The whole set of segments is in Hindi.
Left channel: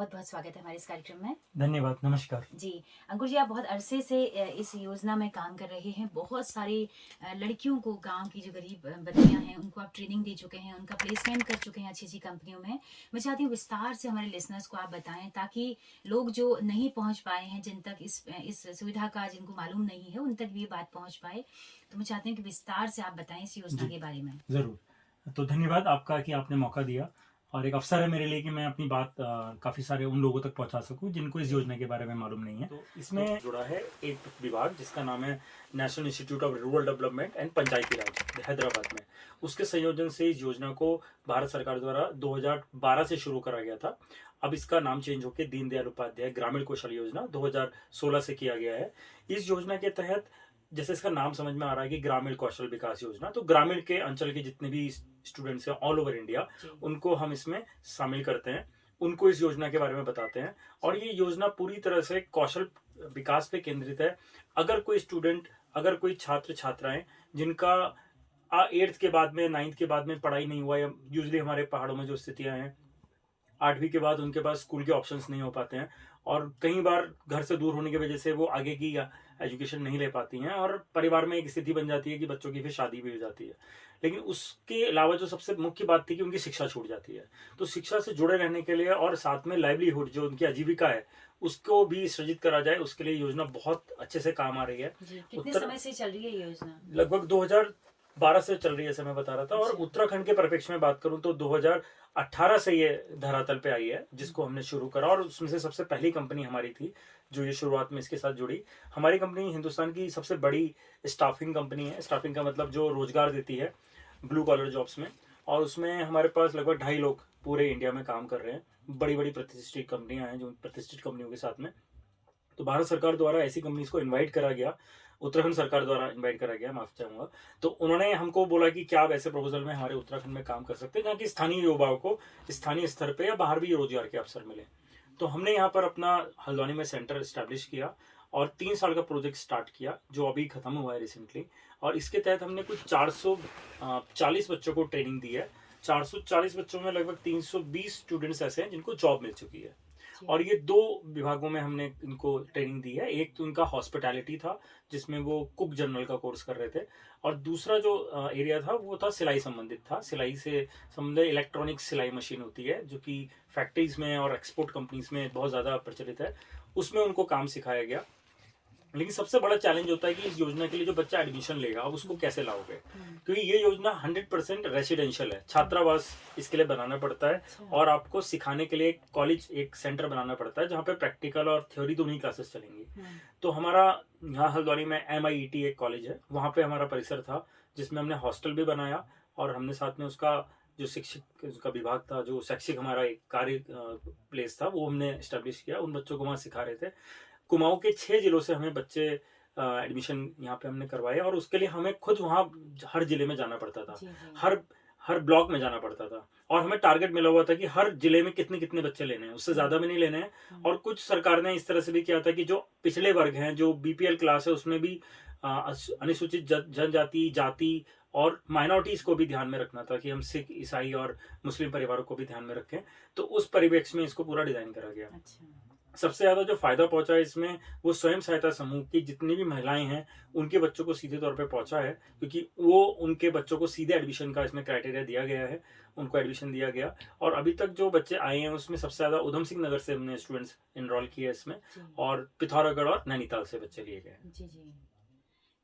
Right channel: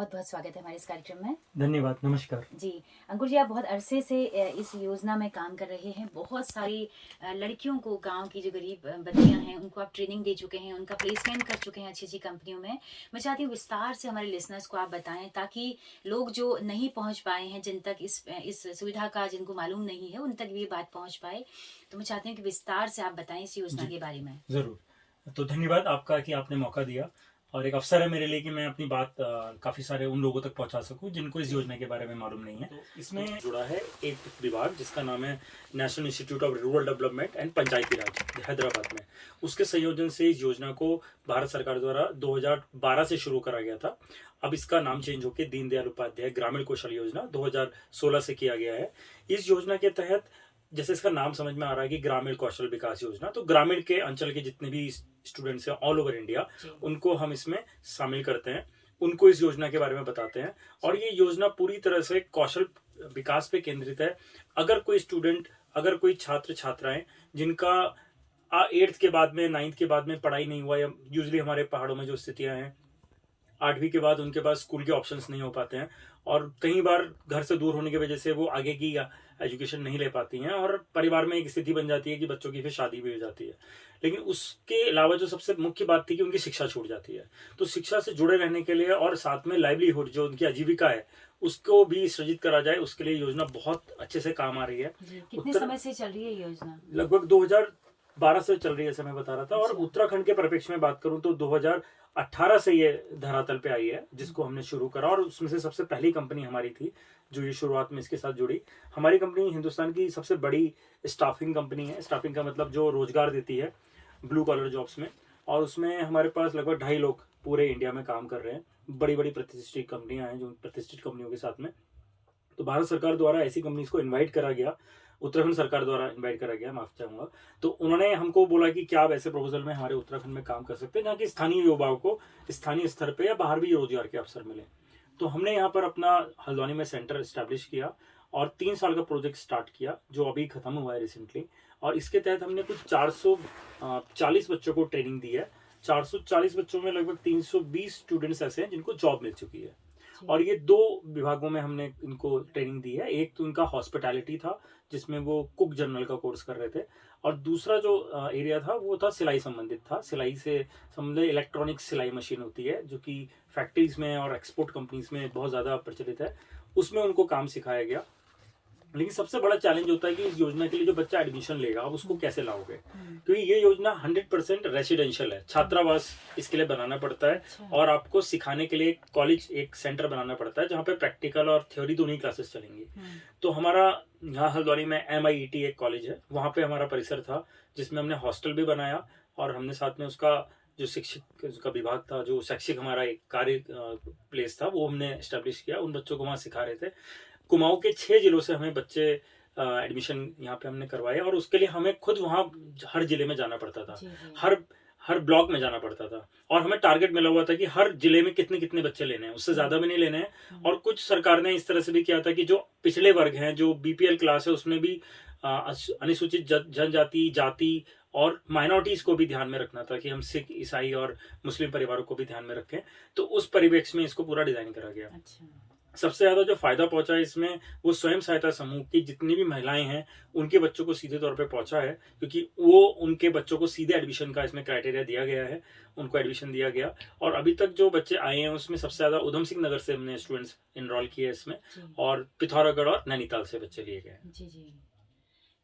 बहुत बहुत स्वागत है हमारे इस कार्यक्रम में। धन्यवाद, नमस्कार। जी, अंकुर जी, आप बहुत अरसे से इस योजना में काम कर रहे हैं। बहुत सारी लड़कियों को, गांव की जो गरीब बच्चियां हैं, उनको आप ट्रेनिंग दे चुके हैं, उनका प्लेसमेंट कर चुके हैं अच्छी-अच्छी कंपनियों में। मैं चाहती हूँ विस्तार से हमारे लिसनर्स को आप बताएं, ताकि लोग जो नहीं पहुंच पाए हैं, जिन तक इस सुविधा का जिनको मालूम नहीं है, उन तक भी ये बात पहुंच पाए। तो मैं चाहती हूँ कि विस्तार से आप बताएं इस योजना जी, के बारे में। ज़रूर। तो धन्यवाद आपका कि आपने मौका दिया और एक अवसर है मेरे लिए कि मैं अपनी बात काफ़ी सारे उन लोगों तक पहुंचा सकूं जिनको इस योजना के बारे में मालूम नहीं है। तो इसमें जुड़ा है एक विभाग जिसका नाम है National Institute of Rural Development and Panchayati Raj, Hyderabad में। उसके संयोजन से इस योजना को भारत सरकार द्वारा 2012 से शुरू करा गया था। अब इसका नाम चेंज होकर दीनदयाल उपाध्याय ग्रामीण कौशल योजना 2016 से किया गया है। इस योजना के तहत, जैसे इसका नाम समझ में आ रहा है कि ग्रामीण कौशल विकास योजना, तो ग्रामीण के अंचल के जितने भी स्टूडेंट्स हैं ऑल ओवर इंडिया, उनको हम इसमें शामिल करते हैं, उनको इस योजना के बारे में बताते हैं। और ये योजना पूरी तरह से कौशल विकास पे केंद्रित है। अगर कोई स्टूडेंट, अगर कोई छात्र छात्राएं जिनका 8th के बाद में, 9th के बाद में पढ़ाई नहीं हुआ, या यूजली हमारे पहाड़ों में जो स्थितियां हैं, 8वीं के बाद उनके पास स्कूल के ऑप्शंस नहीं हो पाते हैं, और कई बार घर से दूर होने की वजह से वो आगे की एजुकेशन नहीं ले पाती हैं, और परिवार में एक स्थिति बन जाती है कि बच्चों की फिर शादी भी हो जाती है। लेकिन उसके अलावा जो सबसे मुख्य बात थी कि उनकी शिक्षा छूट जाती है। तो शिक्षा से जुड़े रहने के लिए और साथ में लाइवलीहुड, जो उनकी आजीविका है, उसको भी सृजित करा जाए, उसके लिए योजना बहुत अच्छे से काम आ रही है। कितने समय से चल रही है योजना? लगभग 2012 से चल रही है, ऐसा मैं बता रहा था। और उत्तराखंड के परिप्रेक्ष्य में बात करूं तो 2018 से ये धरातल पे आई है, जिसको हमने शुरू करा। और उसमें से सबसे पहली कंपनी हमारी थी जो ये शुरुआत में इसके साथ जुड़ी। हमारी कंपनी हिंदुस्तान की सबसे बड़ी स्टाफिंग कंपनी है। स्टाफिंग का मतलब जो रोजगार देती है ब्लू कॉलर जॉब्स में। और उसमें हमारे पास लगभग 2.5 लोग पूरे इंडिया में काम कर रहे हैं। बड़ी बड़ी प्रतिष्ठित कंपनियां हैं, जो प्रतिष्ठित कंपनियों के साथ में। तो भारत सरकार द्वारा ऐसी कंपनीज को इन्वाइट करा गया, उत्तराखंड सरकार द्वारा इन्वाइट करा गया, माफ चाहूंगा। तो उन्होंने हमको बोला कि क्या आप ऐसे प्रपोजल में हमारे उत्तराखंड में काम कर सकते हैं जहाँ की स्थानीय युवाओं को स्थानीय स्तर पे या बाहर भी रोजगार के अवसर मिले। तो हमने यहाँ पर अपना हल्द्वानी में सेंटर स्टैब्लिश किया और 3 साल का प्रोजेक्ट स्टार्ट किया, जो अभी खत्म हुआ है रिसेंटली। और इसके तहत हमने कुछ 440 बच्चों को ट्रेनिंग दी है। 440 बच्चों में लगभग 320 स्टूडेंट्स ऐसे हैं जिनको जॉब मिल चुकी है। और ये 2 विभागों में हमने इनको ट्रेनिंग दी है। एक तो उनका हॉस्पिटैलिटी था, जिसमें वो कुक जनरल का कोर्स कर रहे थे, और दूसरा जो एरिया था वो था सिलाई संबंधित था। सिलाई से संबंधित इलेक्ट्रॉनिक सिलाई मशीन होती है, जो कि फैक्ट्रीज में और एक्सपोर्ट कंपनीज में बहुत ज्यादा प्रचलित है, उसमें उनको काम सिखाया गया। लेकिन सबसे बड़ा चैलेंज होता है कि इस योजना के लिए जो बच्चा एडमिशन लेगा, अब उसको कैसे लाओगे, क्योंकि ये योजना 100% रेसिडेंशियल है। छात्रावास इसके लिए बनाना पड़ता है, और आपको सिखाने के लिए कॉलेज, एक सेंटर बनाना पड़ता है जहाँ पे प्रैक्टिकल और थ्योरी दोनों ही क्लासेस चलेंगी। तो हमारा यहाँ हल्द्वानी में MIET एक कॉलेज है, वहाँ पे हमारा परिसर था, जिसमें हमने हॉस्टल भी बनाया, और हमने साथ में उसका जो शिक्षक, उसका विभाग था, जो शैक्षिक हमारा एक कार्य प्लेस था, वो हमने एस्टेब्लिश किया। उन बच्चों को वहाँ सिखा रहे थे। कुमाऊं के 6 जिलों से हमें बच्चे एडमिशन यहाँ पे हमने करवाए, और उसके लिए हमें खुद वहाँ हर जिले में जाना पड़ता था। हर ब्लॉक में जाना पड़ता था, और हमें टारगेट मिला हुआ था कि हर जिले में कितने कितने बच्चे लेने हैं, उससे ज्यादा भी नहीं लेने हैं। और कुछ सरकार ने इस तरह से भी किया था कि जो पिछले वर्ग हैं, जो BPL क्लास है, उसमें भी अनुसूचित जनजाति, जाति और माइनॉरिटीज को भी ध्यान में रखना था, कि हम सिख, ईसाई और मुस्लिम परिवारों को भी ध्यान में रखें। तो उस परिवेश में इसको पूरा डिजाइन करा गया। सबसे ज्यादा जो फायदा पहुंचा है इसमें, वो स्वयं सहायता समूह की जितनी भी महिलाएं हैं, उनके बच्चों को सीधे तौर पे पहुंचा है, क्योंकि वो उनके बच्चों को सीधे एडमिशन का इसमें क्राइटेरिया दिया गया है, उनको एडमिशन दिया गया। और अभी तक जो बच्चे आए हैं उसमें सबसे ज्यादा उधम सिंह नगर से हमने स्टूडेंट्स इनरोल किए इसमें, और पिथौरागढ़ और नैनीताल से बच्चे लिए गए। जी।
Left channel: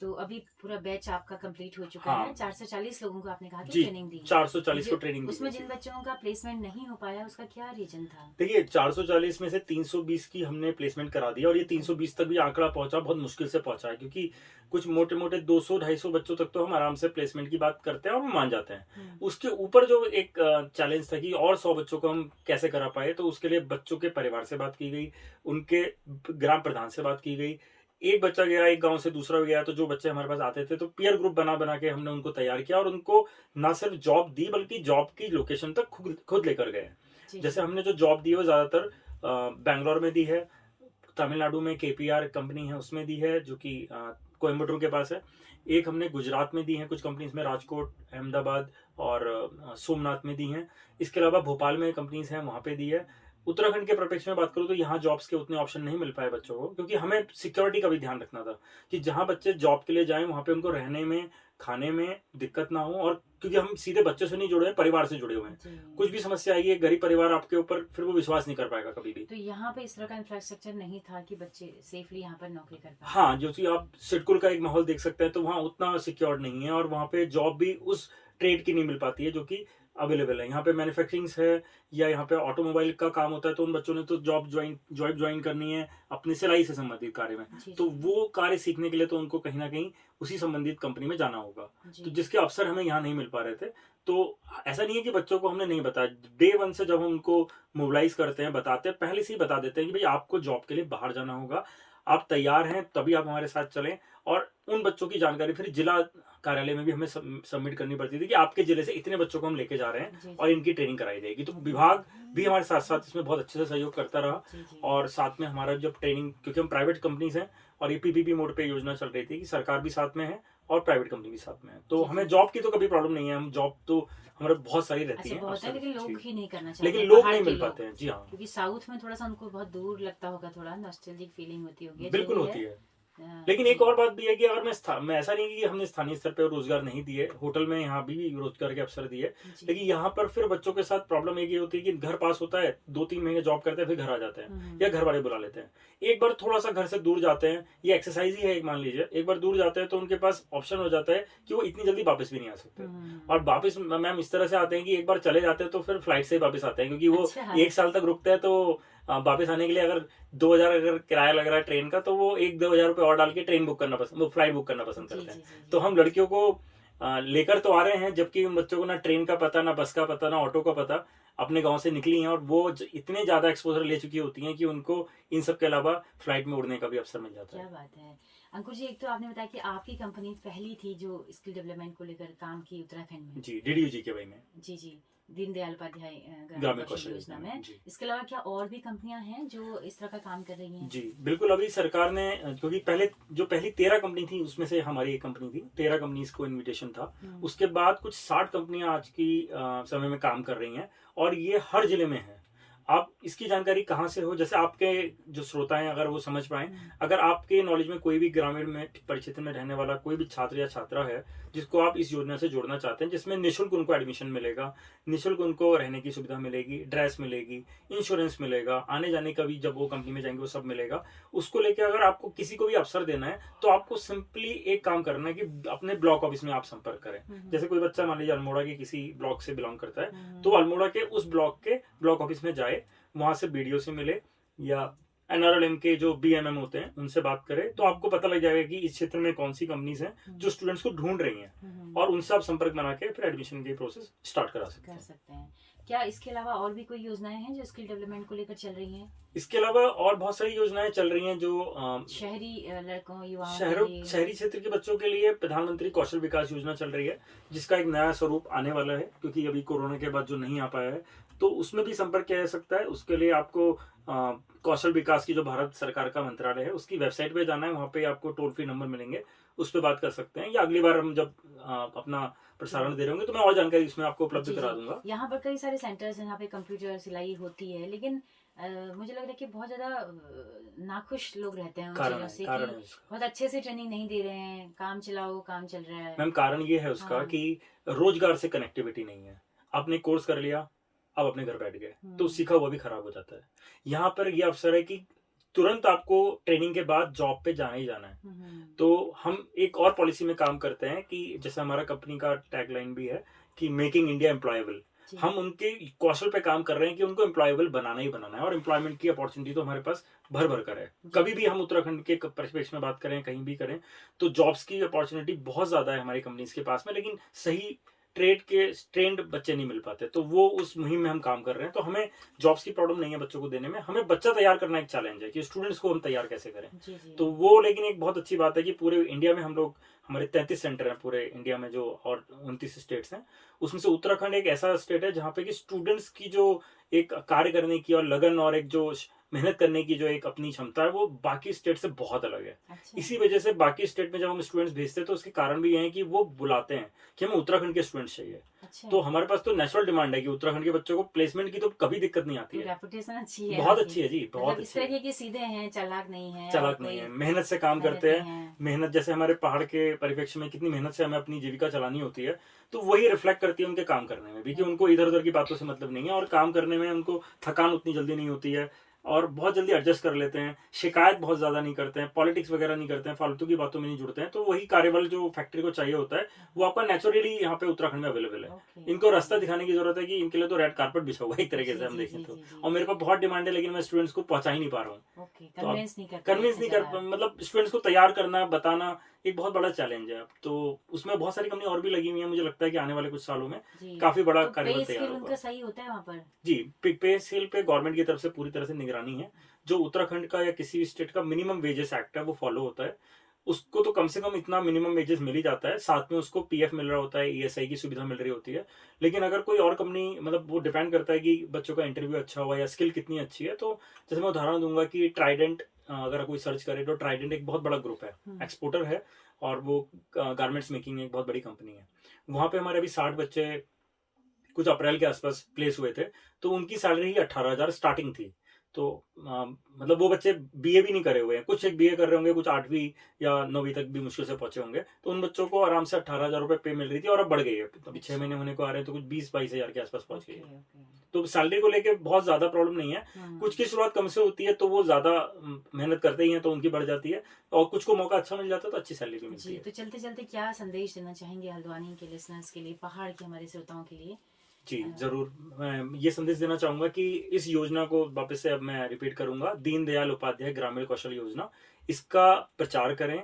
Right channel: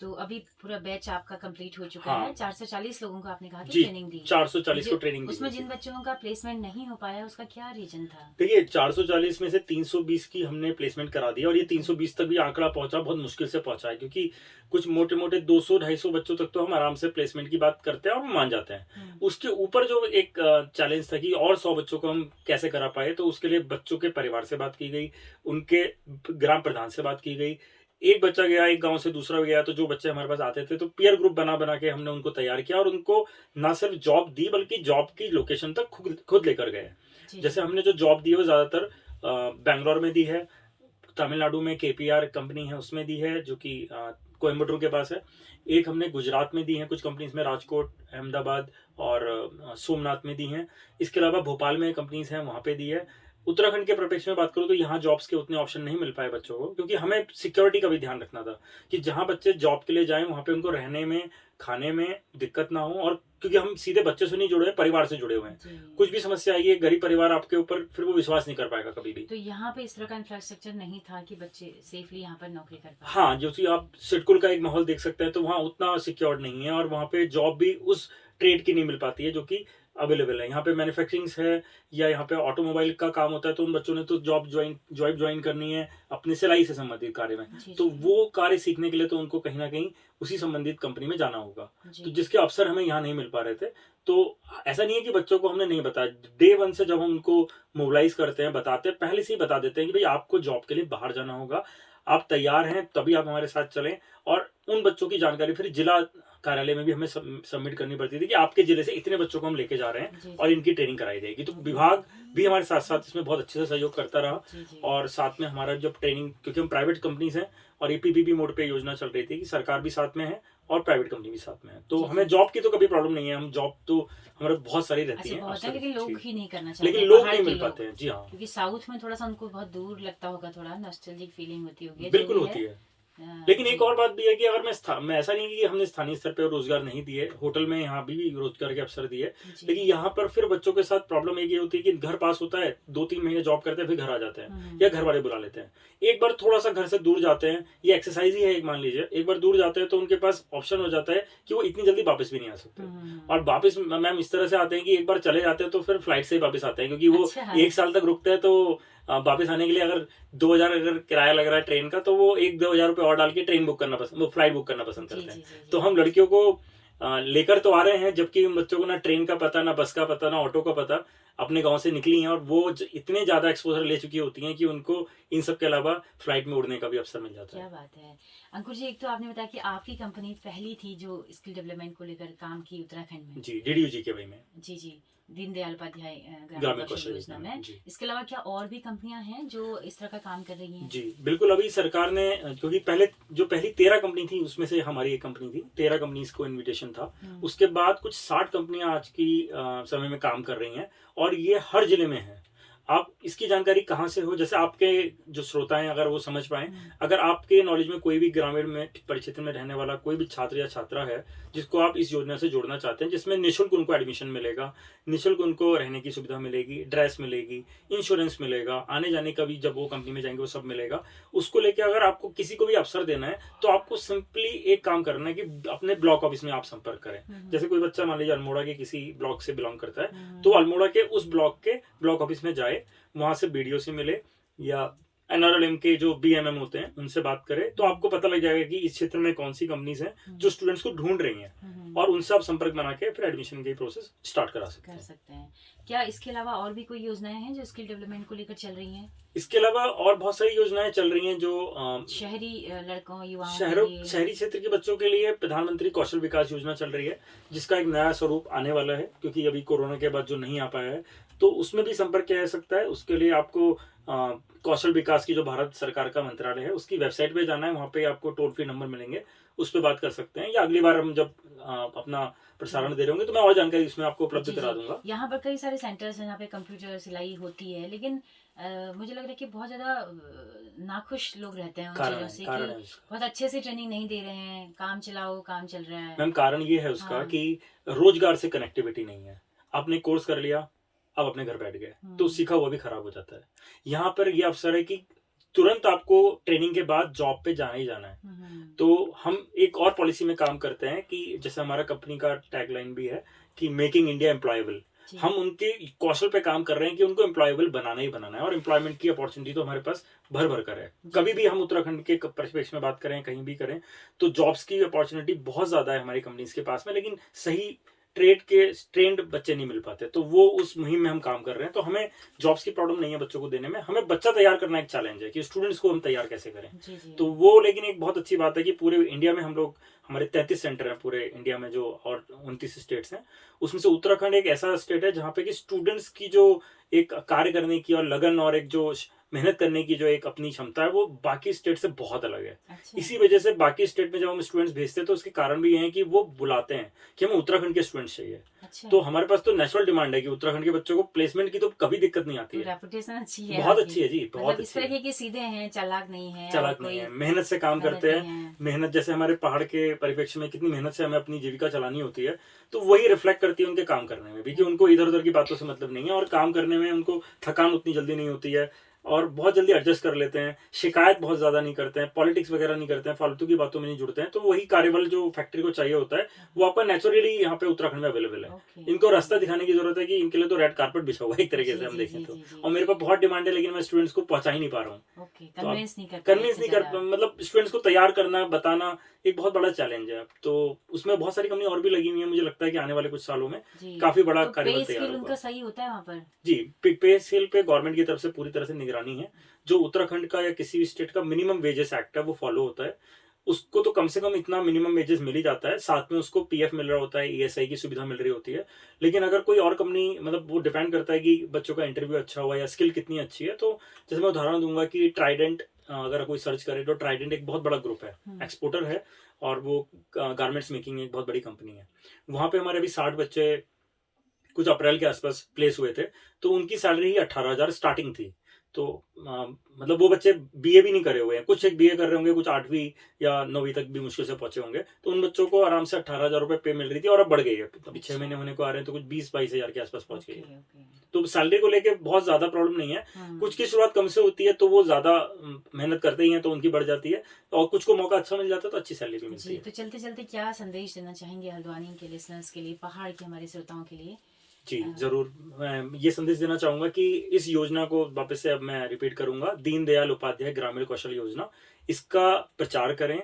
तो अभी पूरा बैच आपका कंप्लीट हो चुका है। 440 लोगों को आपने कहा कि ट्रेनिंग दी। 440 को ट्रेनिंग दी। उसमें जिन बच्चों का प्लेसमेंट नहीं हो पाया, उसका क्या रीजन था? देखिए, 440 में से 320 की हमने प्लेसमेंट करा दी, और ये 320 तक भी आंकड़ा पहुंचा बहुत मुश्किल से पहुंचा है, क्योंकि कुछ मोटे मोटे 200-250 बच्चों तक तो हम आराम से प्लेसमेंट की बात करते हैं और हम मान जाते हैं। उसके ऊपर जो एक चैलेंज था कि और 100 बच्चों को हम कैसे करा पाए, तो उसके लिए बच्चों के परिवार से बात की गई, उनके ग्राम प्रधान से बात की गई। एक बच्चा गया एक गांव से, दूसरा गया, तो जो बच्चे हमारे पास आते थे तो पीयर ग्रुप बना बना के हमने उनको तैयार किया, और उनको ना सिर्फ जॉब दी, बल्कि जॉब की लोकेशन तक खुद लेकर गए। जैसे हमने जो जॉब दी है वो ज्यादातर बैंगलोर में दी है, तमिलनाडु में KPR कंपनी है उसमें दी है, जो कि कोयम्बटूर के पास है। एक हमने गुजरात में दी है, कुछ कंपनीज में राजकोट, अहमदाबाद और सोमनाथ में दी हैं। इसके अलावा भोपाल में कंपनीज हैं, वहां पे दी है। उत्तराखंड के परिप्रेक्ष्य में बात करूँ तो यहाँ जॉब्स के उतने ऑप्शन नहीं मिल पाए बच्चों को, क्योंकि हमें सिक्योरिटी का भी ध्यान रखना था कि जहाँ बच्चे जॉब के लिए जाएं वहाँ पे उनको रहने में खाने में दिक्कत ना हो, और क्योंकि हम सीधे बच्चे से नहीं जुड़े हैं, परिवार से जुड़े हुए हैं, जी। कुछ भी समस्या आई है गरीब परिवार आपके ऊपर, फिर वो विश्वास नहीं कर पाएगा कभी भी। तो यहाँ पे इस तरह का इंफ्रास्ट्रक्चर नहीं था कि बच्चे सेफली यहाँ पर नौकरी कर पाए। हाँ, जो कि आप सिडकुल का एक माहौल देख सकते हैं, तो वहाँ उतना सिक्योर नहीं है, और वहाँ पे जॉब भी उस ट्रेड की नहीं मिल पाती है जो कि अवेलेबल है। यहाँ पे मैन्युफैक्चरिंग है या यहाँ पे ऑटोमोबाइल का काम होता है, तो उन बच्चों ने तो जॉब ज्वाइन करनी है अपनी सिलाई से संबंधित कार्य में, जी, तो जी। वो कार्य सीखने के लिए तो उनको कहीं ना कहीं उसी संबंधित कंपनी में जाना होगा, जी। तो जिसके अवसर हमें यहाँ नहीं मिल पा रहे थे। तो ऐसा नहीं है कि बच्चों को हमने नहीं बताया, डे वन से जब हम उनको मोबिलाइज करते हैं, बताते हैं, पहले से ही बता देते हैं कि भाई आपको जॉब के लिए बाहर जाना होगा, आप तैयार हैं तभी आप हमारे साथ चलें। और उन बच्चों की जानकारी फिर जिला कार्यालय में भी हमें सबमिट करनी पड़ती थी कि आपके जिले से इतने बच्चों को हम लेके जा रहे हैं जी, और इनकी ट्रेनिंग कराई जाएगी। तो विभाग भी हमारे साथ साथ इसमें बहुत अच्छे से सहयोग करता रहा, जी, जी। और साथ में हमारा जब ट्रेनिंग, क्योंकि हम प्राइवेट कंपनीज हैं और ये पीपीपी मोड पे योजना चल रही थी कि सरकार भी साथ में है और प्राइवेट कंपनी भी साथ में है, तो जी, हमें जी। जॉब की तो कभी प्रॉब्लम नहीं है। हम जॉब तो हमारे बहुत सारी रहती अच्छा है, बहुत है, लेकिन लोग ही नहीं करना चाहते, लेकिन लोग बाहर नहीं के मिल लोग। पाते हैं। जी हाँ, क्योंकि साउथ में थोड़ा सा उनको बहुत दूर लगता होगा, थोड़ा नॉस्टैल्जिक फीलिंग होती होगी, जो बिल्कुल भी होती है। हाँ, लेकिन जी। एक और बात भी है कि अगर मैं ऐसा नहीं कि हमने स्थानीय स्तर पर रोजगार नहीं दिए, होटल में यहाँ भी रोजगार के अवसर दिए, जी। लेकिन यहाँ पर फिर बच्चों के साथ प्रॉब्लम एक ये होती है कि घर पास होता है, 2-3 महीने जॉब करते हैं, फिर घर आ जाते हैं या घर वाले बुला लेते हैं। एक बार थोड़ा सा घर से दूर जाते हैं, ये एक्सरसाइज ही है एक, मान लीजिए एक बार दूर जाते हैं तो उनके पास ऑप्शन हो जाता है कि वो इतनी जल्दी वापस भी नहीं आ सकते। और वापस मैम इस तरह से आते हैं कि एक बार चले जाते हैं तो फिर फ्लाइट से ही वापस आते हैं, क्योंकि वो अच्छा। 1 साल तक रुकते हैं, तो वापस आने के लिए अगर 2000 अगर किराया लग रहा है ट्रेन का, तो वो 1-2 हजार रुपए और डाल के ट्रेन बुक करना पसंद, वो फ्लाइट बुक करना पसंद जी, करते जी, हैं। जी, जी। तो हम लड़कियों को लेकर तो आ रहे हैं, जबकि उन बच्चों को ना ट्रेन का पता, ना बस का पता, ना ऑटो का पता, अपने गांव से निकली हैं और वो इतने ज्यादा एक्सपोजर ले चुकी होती हैं कि उनको इन सब के अलावा फ्लाइट में उड़ने का भी अवसर मिल जाता है। क्या बात है अंकुर जी, एक तो आपने बताया कि आपकी कंपनी पहली थी जो स्किल डेवलपमेंट को लेकर काम की उत्तराखंड में। जी, डीडीयू के वही में। जी, जी। दीनदयाल उपाध्याय ग्रामीण कौशल कौशल योजना में। जी। इसके अलावा क्या और भी कंपनियां हैं जो इस तरह का काम कर रही हैं? जी बिल्कुल, अभी सरकार ने, क्योंकि पहली 13 कंपनी थी, उसमें से हमारी एक कंपनी थी, 13 कंपनीज को इनविटेशन था। उसके बाद कुछ 60 कंपनियां आज की समय में काम कर रही हैं, और ये हर जिले में है। आप इसकी जानकारी कहाँ से हो, जैसे आपके जो श्रोता हैं अगर वो समझ पाए, अगर आपके नॉलेज में कोई भी ग्रामीण में परिक्षेत्र में रहने वाला कोई भी छात्र या छात्रा है जिसको आप इस योजना से जोड़ना चाहते हैं, जिसमें निःशुल्क उनको एडमिशन मिलेगा, निःशुल्क उनको रहने की सुविधा मिलेगी, ड्रेस मिलेगी, इंश्योरेंस मिलेगा, आने जाने का भी जब वो कंपनी में जाएंगे वो सब मिलेगा, उसको लेके अगर आपको किसी को भी अवसर देना है तो आपको सिंपली एक काम करना है कि अपने ब्लॉक ऑफिस में आप संपर्क करें। जैसे कोई बच्चा मान लीजिए अल्मोड़ा के किसी ब्लॉक से बिलोंग करता है, तो अल्मोड़ा के उस ब्लॉक के ब्लॉक ऑफिस में जाए, वहां से बीडीओ से मिले या एनआरएलएम के जो बीएमएम होते हैं उनसे बात करें, तो आपको पता लग जाएगा कि इस क्षेत्र में कौन सी कंपनीज हैं जो स्टूडेंट्स को ढूंढ रही हैं, और उनसे आप संपर्क बना के फिर एडमिशन की प्रोसेस स्टार्ट करा सकते हैं। क्या इसके अलावा और भी कोई योजनाएं हैं जो स्किल डेवलपमेंट को लेकर चल रही हैं? इसके अलावा और बहुत सारी योजनाएं चल रही हैं जो शहरी लड़कों, युवाओं के लिए, शहरी क्षेत्र के बच्चों के लिए प्रधानमंत्री कौशल विकास योजना चल रही है, जिसका एक नया स्वरूप आने वाला है, क्योंकि अभी कोरोना के बाद जो नहीं आ पाया है, तो उसमें भी संपर्क किया जा सकता है। उसके लिए आपको कौशल विकास की जो भारत सरकार का मंत्रालय है उसकी वेबसाइट पे जाना है, वहाँ पे आपको टोल फ्री नंबर मिलेंगे, उस पर बात कर सकते हैं, या अगली बार हम जब अपना प्रसारण दे रहे होंगे तो मैं और जानकारी इसमें आपको उपलब्ध करा दूंगा। यहाँ पर कई सारे सेंटर्स हैं जहाँ पे कंप्यूटर सिलाई होती है, लेकिन मुझे लग रहा है कि बहुत ज्यादा नाखुश लोग रहते हैं उन चीजों से कि बहुत अच्छे से ट्रेनिंग नहीं दे रहे हैं, काम चलाओ, काम चल रहा है। मैम कारण ये है उसका कि रोजगार से कनेक्टिविटी नहीं है। आपने कोर्स कर लिया, अब अपने घर बैठ गए, तो सीखा हुआ भी खराब हो जाता है। यहाँ पर ये अवसर है कि तुरंत आपको ट्रेनिंग के बाद जॉब पे जाना ही जाना है। तो हम एक और पॉलिसी में काम करते हैं कि जैसे हमारा कंपनी का टैगलाइन भी है कि मेकिंग इंडिया एम्प्लॉयबल, हम उनके कौशल पे काम कर रहे हैं कि उनको एम्प्लॉयबल बनाना ही बनाना है, और एम्प्लॉयमेंट की अपॉर्चुनिटी तो हमारे पास भर भर कर है। कभी भी हम उत्तराखंड के परिप्रेक्ष्य में बात करें, कहीं भी करें, तो जॉब्स की अपॉर्चुनिटी बहुत ज्यादा है हमारी कंपनीज के पास में, लेकिन सही ट्रेंड बच्चे नहीं मिल पाते, तो वो उस मुहिम में हम काम कर रहे हैं। तो हमें जॉब्स की प्रॉब्लम नहीं है बच्चों को देने में, हमें बच्चा तैयार करना एक चैलेंज है कि स्टूडेंट्स को हम तैयार कैसे करें। जी, जी। तो वो, लेकिन एक बहुत अच्छी बात है कि पूरे इंडिया में हम लोग, हमारे 33 सेंटर हैं पूरे इंडिया में जो, और 29 स्टेट्स हैं, उसमें से उत्तराखंड एक ऐसा स्टेट है जहाँ पे कि स्टूडेंट्स की जो एक कार्य करने की और लगन और एक जो मेहनत करने की जो एक अपनी क्षमता है वो बाकी स्टेट से बहुत अलग है। अच्छा। इसी वजह से बाकी स्टेट में जब हम स्टूडेंट्स भेजते हैं तो उसके कारण भी ये है कि वो बुलाते हैं कि हमें उत्तराखंड के स्टूडेंट्स चाहिए। अच्छा तो हमारे पास तो नेचुरल डिमांड है कि उत्तराखंड के बच्चों को प्लेसमेंट की तो कभी दिक्कत नहीं आती है। रेपुटेशन अच्छी है बहुत आपकी। अच्छी है जी, बहुत मतलब इस अच्छी है। तरह के सीधे हैं, चालाक नहीं है, और चालाक नहीं कोई है, मेहनत से काम करते मेहनती हैं। मेहनत जैसे हमारे पहाड़ के परिप्रेक्ष्य में कितनी मेहनत से हमें अपनी जीविका चलानी होती है, तो वही रिफ्लेक्ट करती है उनके काम करने में भी, कि उनको इधर उधर की बातों से मतलब नहीं है और काम करने में उनको थकान उतनी जल्दी नहीं होती है और बहुत जल्दी एडजस्ट कर लेते हैं। शिकायत बहुत ज्यादा नहीं करते हैं, पॉलिटिक्स वगैरह नहीं करते हैं, फालतू की बातों में नहीं जुड़ते हैं। तो वही कार्यबल जो फैक्ट्री को चाहिए होता है वो आपका नेचुरली यहाँ पे उत्तराखंड में अवेलेबल है। ओके, इनको रास्ता दिखाने की जरूरत है कि इनके लिए तो रेड कारपेट बिछा हुआ है एक तरीके से हम देखें तो। और मेरे पास बहुत डिमांड है, लेकिन मैं स्टूडेंट्स को पहुंचा ही नहीं पा रहा हूँ। ओके, तो कन्विंस नहीं कर कन्विंस नहीं कर, मतलब स्टूडेंट्स को तैयार करना, बताना एक बहुत बड़ा चैलेंज है। तो उसमें बहुत सारी कंपनी और भी लगी हुई है। मुझे लगता है कि आने वाले कुछ सालों में काफी बड़ा तो कार्यबल पे तैयार स्केल उनका होगा। सही होता है वहाँ पर? जी, पे स्केल पे गवर्नमेंट की तरफ से पूरी तरह से निगरानी है। जो उत्तराखंड का या किसी भी स्टेट का मिनिमम वेजेस एक्ट है वो फॉलो होता है। उसको तो कम से कम इतना मिनिमम वेजेस मिल ही जाता है, साथ में उसको पीएफ मिल रहा होता है, ईएसआई की सुविधा मिल रही होती है। लेकिन अगर कोई और कंपनी, मतलब वो डिपेंड करता है कि बच्चों का इंटरव्यू अच्छा हुआ या स्किल कितनी अच्छी है। तो जैसे मैं उदाहरण दूंगा कि ट्राइडेंट, अगर कोई सर्च करे तो ट्राइडेंट एक बहुत बड़ा ग्रुप है, एक्सपोर्टर है और वो गारमेंट्स मेकिंग एक बहुत बड़ी कंपनी है। वहां पे हमारे अभी 60 बच्चे कुछ अप्रैल के आसपास प्लेस हुए थे। तो उनकी सैलरी ही 18,000 स्टार्टिंग थी। तो मतलब वो बच्चे बीए भी नहीं करे हुए हैं, कुछ एक बीए कर रहे होंगे, कुछ 8वीं या 9वीं तक भी मुश्किल से पहुंचे होंगे। तो उन बच्चों को आराम से 18,000 रुपए पे मिल रही थी और अब बढ़ गई है। अभी 6 महीने होने को आ रहे हैं तो कुछ 20-22 हजार के आसपास पहुंच गई है। तो सैलरी को लेके बहुत ज्यादा प्रॉब्लम नहीं है। कुछ की शुरुआत कम से होती है तो वो ज्यादा मेहनत करते ही हैं तो उनकी बढ़ जाती है, और कुछ को मौका अच्छा मिल जाता है तो अच्छी सैलरी भी मिलती जी, है। तो चलते चलते क्या संदेश देना चाहेंगे हल्द्वानी के लिसनर्स के लिए, पहाड़ के हमारे श्रोताओं के लिए? जी जरूर, मैं ये संदेश देना चाहूंगा कि इस योजना को वापस से अब मैं रिपीट करूंगा, दीनदयाल उपाध्याय ग्रामीण कौशल योजना, इसका प्रचार करें।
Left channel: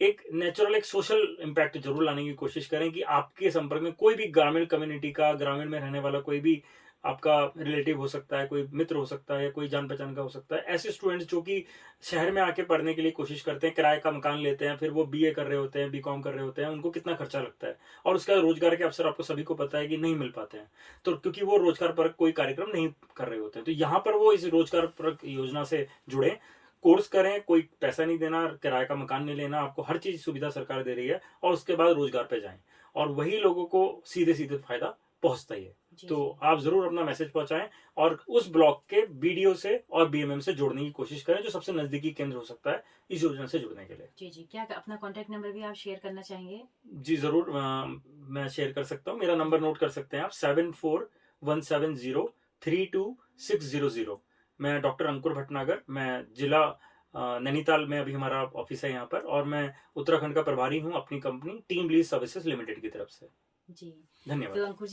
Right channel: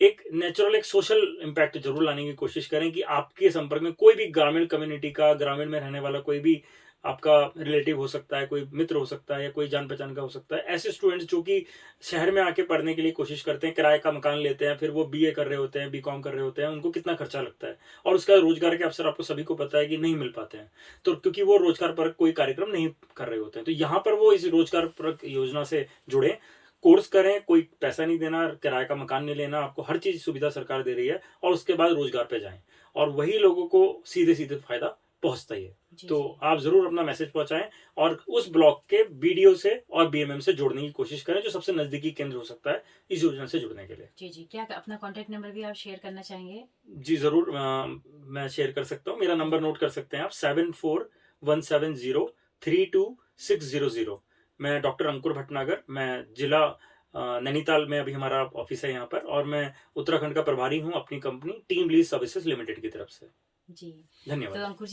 एक नेचुरल, एक सोशल इम्पैक्ट जरूर लाने की कोशिश करें कि आपके संपर्क में कोई भी ग्रामीण कम्युनिटी का, ग्रामीण में रहने वाला कोई भी आपका रिलेटिव हो सकता है, कोई मित्र हो सकता है या कोई जान पहचान का हो सकता है। ऐसे स्टूडेंट्स जो कि शहर में आके पढ़ने के लिए कोशिश करते हैं, किराए का मकान लेते हैं, फिर वो बीए कर रहे होते हैं, बीकॉम कर रहे होते हैं, उनको कितना खर्चा लगता है और उसका रोजगार के अवसर आपको सभी को पता है कि नहीं मिल पाते हैं। तो क्योंकि वो रोजगार परक कोई कार्यक्रम नहीं कर रहे होते हैं, तो यहाँ पर वो इस रोजगार परक योजना से जुड़े, कोर्स करें, कोई पैसा नहीं देना, किराए का मकान नहीं लेना, आपको हर चीज सुविधा सरकार दे रही है, और उसके बाद रोजगार पे जाएं और वही लोगों को सीधे सीधे फायदा पहुंचता ही है। तो आप जरूर अपना मैसेज पहुंचाएं और उस ब्लॉक के बीडीओ से और बीएमएम से जोड़ने की कोशिश करें, जो सबसे नजदीकी केंद्र हो सकता है इस योजना से जुड़ने के लिए। जी, क्या अपना कॉन्टेक्ट नंबर भी आप शेयर करना चाहेंगे? जी जरूर, मैं शेयर कर सकता हूँ। मेरा नंबर नोट कर सकते हैं आप, 7417032600। मैं डॉक्टर अंकुर भटनागर, मैं जिला नैनीताल में अभी हमारा ऑफिस है यहाँ पर, और मैं उत्तराखंड का प्रभारी हूँ अपनी company team lease services limited की तरफ से। जी धन्यवाद। तो अंकुर